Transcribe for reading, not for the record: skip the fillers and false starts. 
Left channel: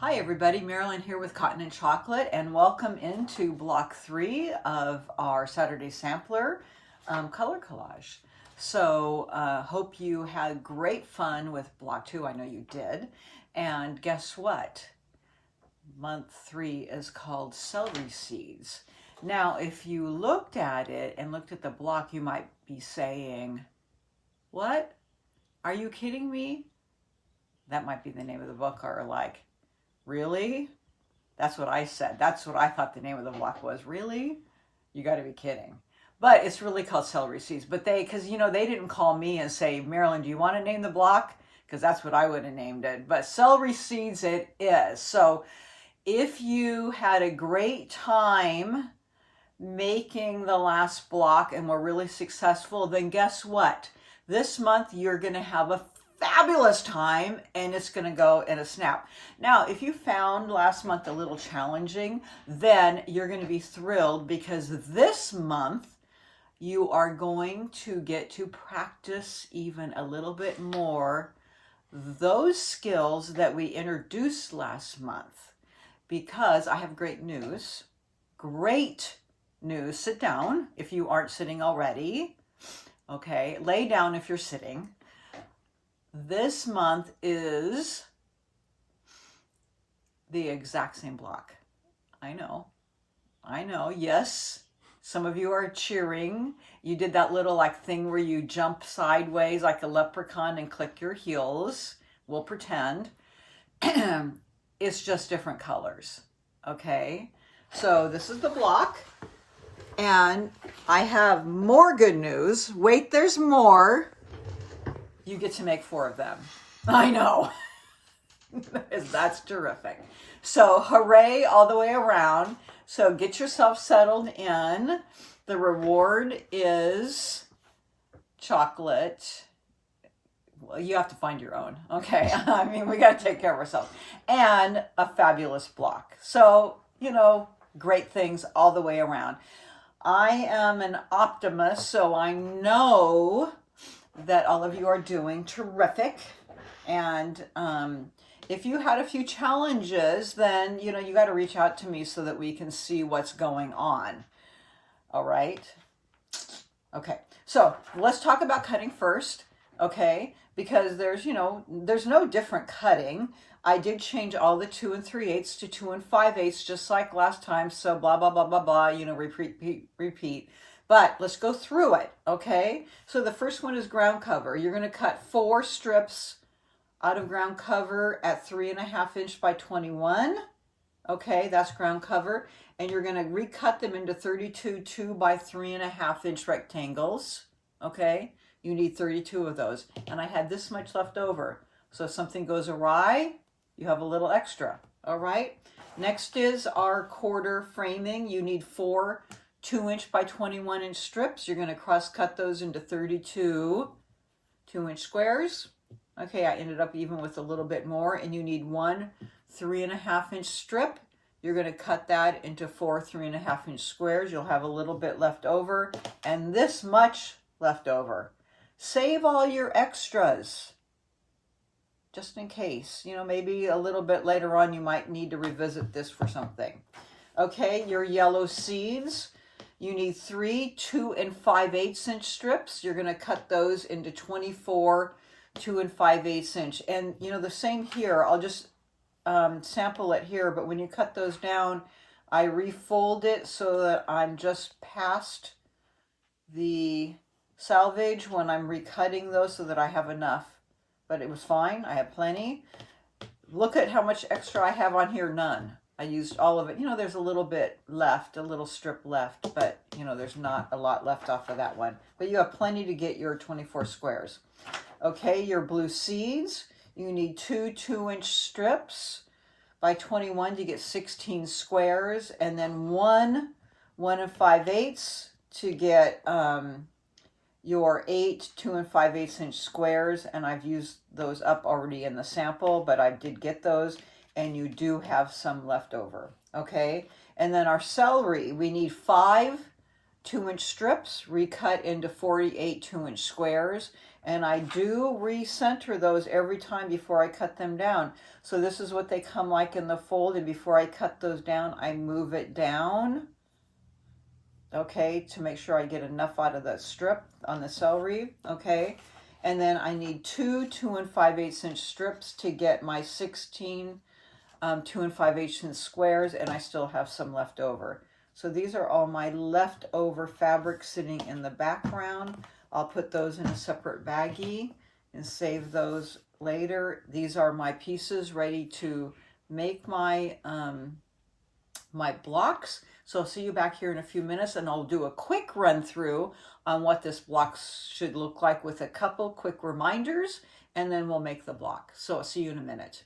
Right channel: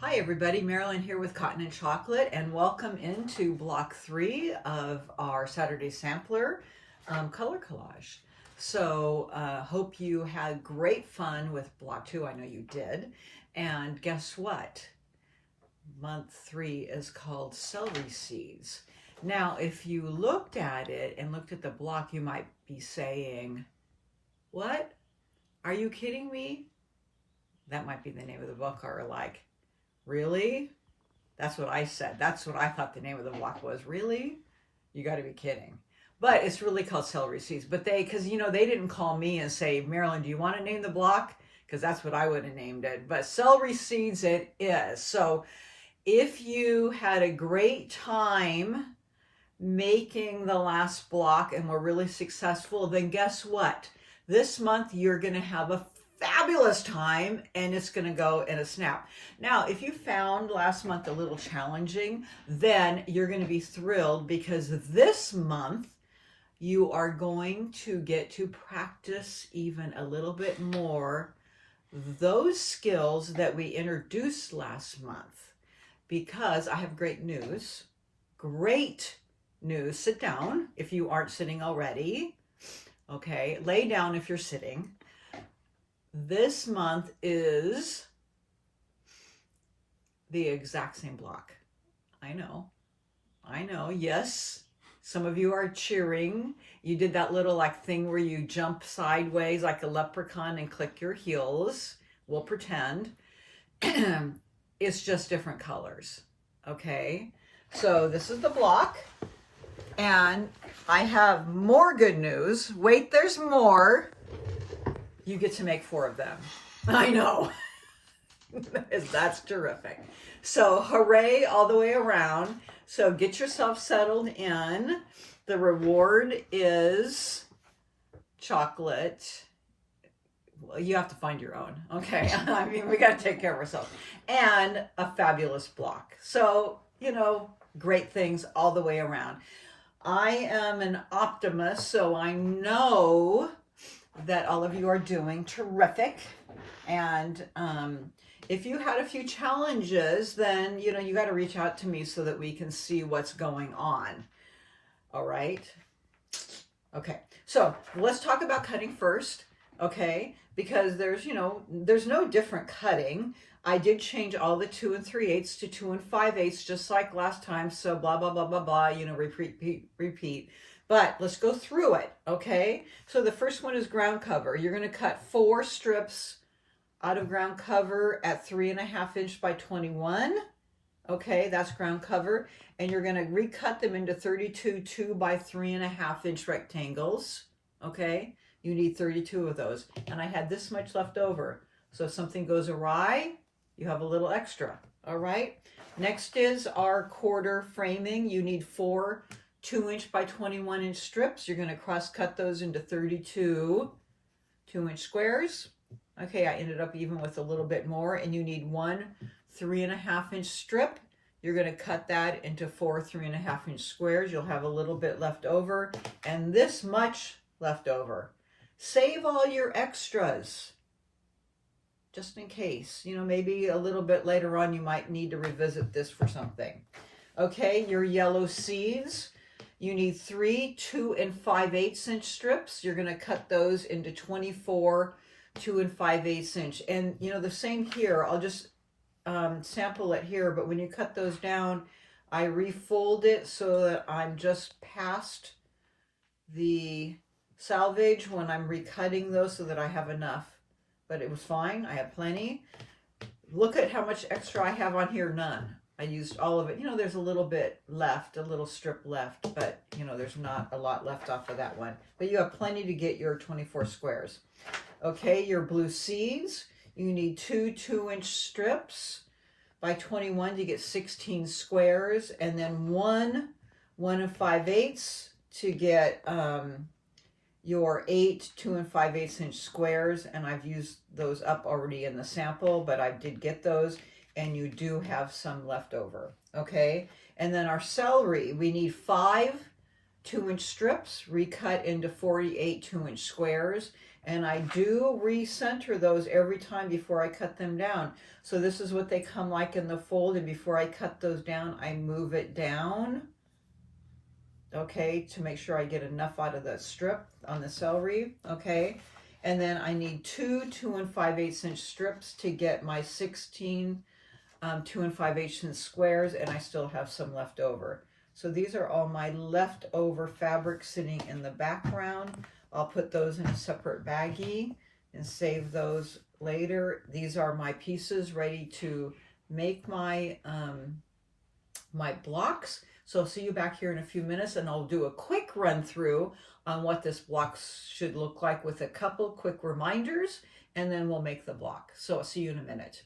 Hi everybody, Marilyn here with Cotton and Chocolate, and welcome into block 3 of our Saturday Sampler color collage. So hope you had great fun with block 2. I know you did. And guess what? Month 3 is called Celery Seeds. Now, if you looked at it and looked at the block, you might be saying, what? Are you kidding me? That might be the name of the book, or like, really? That's what I said. That's what I thought the name of the block was. Really? You got to be kidding. But it's really called Celery Seeds. But because they didn't call me and say, Marilyn, do you want to name the block? Because that's what I would have named it. But Celery Seeds it is. So if you had a great time making the last block and were really successful, then guess what? This month you're going to have a fabulous time and it's going to go in a snap. Now, if you found last month a little challenging, then you're going to be thrilled because this month you are going to get to practice even a little bit more those skills that we introduced last month. Because I have great news. Great news. Sit down if you aren't sitting already. Okay, lay down if you're sitting. This month is the exact same block. I know, yes. Some of you are cheering. You did that little like thing where you jump sideways like a leprechaun and click your heels. We'll pretend. It's just different colors, okay? So this is the block, and I have more good news. Wait, there's more. You get to make 4 of them. I know. That's terrific. So hooray all the way around. So get yourself settled in. The reward is chocolate. Well, you have to find your own. Okay. I mean, we got to take care of ourselves. And a fabulous block. So, great things all the way around. I am an optimist, so I know that all of you are doing terrific. And if you had a few challenges, then, you got to reach out to me so that we can see what's going on. All right. Okay. So let's talk about cutting first. Okay. Because there's no different cutting. I did change all the 2 3/8 to 2 5/8, just like last time. So blah, blah, blah, blah, blah, repeat. But let's go through it, okay? So the first one is ground cover. You're going to cut 4 strips out of ground cover at 3.5 inch by 21. Okay, that's ground cover. And you're going to recut them into 32 2 by 3.5 inch rectangles. Okay, you need 32 of those. And I had this much left over. So if something goes awry, you have a little extra. All right. Next is our quarter framing. You need 4 2 inch by 21 inch strips. You're going to cross cut those into 32 2 inch squares. Okay, I ended up even with a little bit more, and you need 1 3.5 inch strip. You're going to cut that into 4 3.5 inch squares. You'll have a little bit left over and this much left over. Save all your extras just in case, maybe a little bit later on you might need to revisit this for something. Okay, your yellow seeds. You need 3 2 5/8 inch strips. You're going to cut those into 24 2 5/8 inch. And the same here. I'll just sample it here, but when you cut those down, I refold it so that I'm just past the salvage when I'm recutting those so that I have enough. But it was fine. I have plenty. Look at how much extra I have on here. None. I used all of it. There's a little bit left, a little strip left, but, there's not a lot left off of that one. But you have plenty to get your 24 squares. Okay, your blue seeds. You need 2 2 inch strips by 21 to get 16 squares, and then 1 1 5/8 to get your 8 2 5/8 inch squares. And I've used those up already in the sample, but I did get those. And you do have some left over, okay? And then our celery, we need 5 2 inch strips, recut into 48 2 inch squares. And I do recenter those every time before I cut them down. So this is what they come like in the fold, and before I cut those down, I move it down, okay, to make sure I get enough out of the strip on the celery, okay? And then I need two 2 5/8 inch strips to get my 16 2 5/8 inch squares, and I still have some left over. So these are all my leftover fabric sitting in the background. I'll put those in a separate baggie and save those later. These are my pieces ready to make my my blocks. So I'll see you back here in a few minutes, and I'll do a quick run through on what this block should look like with a couple quick reminders, and then we'll make the block. So I'll see you in a minute.